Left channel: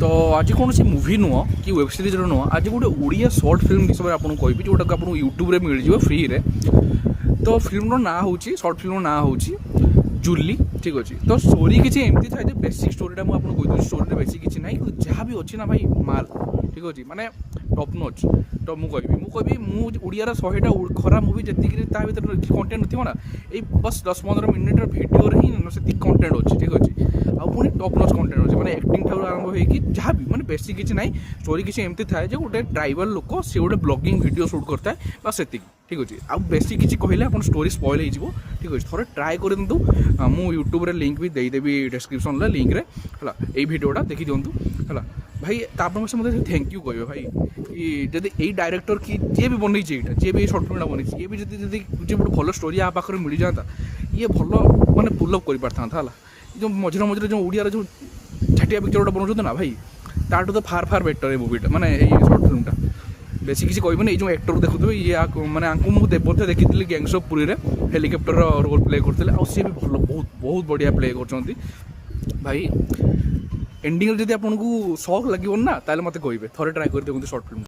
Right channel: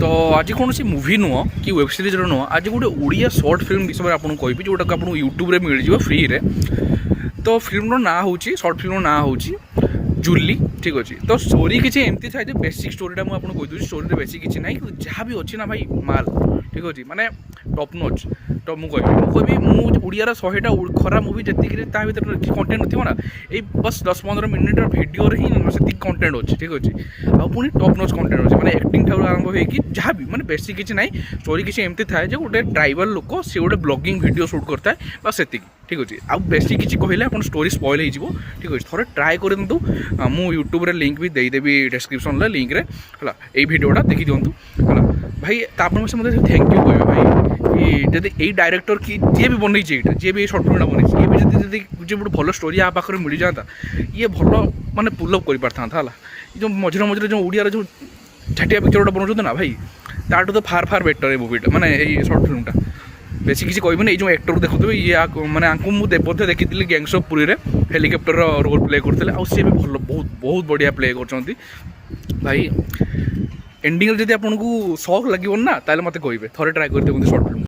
तो आज कौन सी मूवी नुह कि वेब सीरीज नुह आज गोटे ओडिया शॉर्ट फिल्म विषय में आपको कहबी जोटा आपको यूट्यूब रे मिल जाए फ्री रे। तो फिल्म ना हूँ शॉर्ट फिल्म ना हूँ जूली। ठीक अच्छे तो स्टोरी किसी एमती थाए बेसिक स्टोरीटा मुझे कहीदे स्टोरी बेसिक किसी ना जहाँ भी अच्छी ना भाई माल ठीक अच्छे माने टॉप नॉच। तो मुझे मुझे 100टा खराब मूवी जी भर कंटेंट थी ना ये बस 10-15 मिनिट भिडियो ही से कंटेंट अच्छे ठीक अच्छे आ पुणी टॉप नॉच कंटेंट अच्छे मैंने एक्टिंग ठार आरंभ हो जहाँ भी मैंने बेसिक किसी ना स्टोरी किसी एमती थाए गोटे ट्राइबल लोक सी गोटे ब्लॉगिंग भिडियो शूट करता है बस से ठीक अच्छे आ बेसिक किसी कहले आप स्टोरी स्पॉइल हो ठीक अच्छे थोड़े ट्राए कर मु यूट्यूब रे लिंक भी देदेवी डिस्क्रिप्शन लिंक रे है ये भिडियोटा देखी दिंतु है भाई तापर से मतलब थैंक यू कहे भाई कि जब यही डायरेक्टर कि जी भी बनई जी भी सर्ट फिल्म बनई ये भी जो गोटे भल स्टोरी आ पाखे मिल जाता ये भल माने पुलअप कर पारता है जो मझे मझे जो ओडिया जो झाटिया पिक्चर बनाते ना भाई ताठू तो फार फार बेटर है मूवीटा माने ये सर्ट फिल्मटा बेसी किसी कहबे ये जो एक्टर देखुए ये मैंने आपको मुझे बोधे देखी गैंग्स ऑफ पुरी रे हेलिकप्टर रोल प्ले करते सी भी भल बहुत बहुत बढ़िया प्ले कर भाई एंडिंग जब आपको शौक लगे ना ताले मत कहे थे ट्राए कर देखते शॉर्ट फिल्म।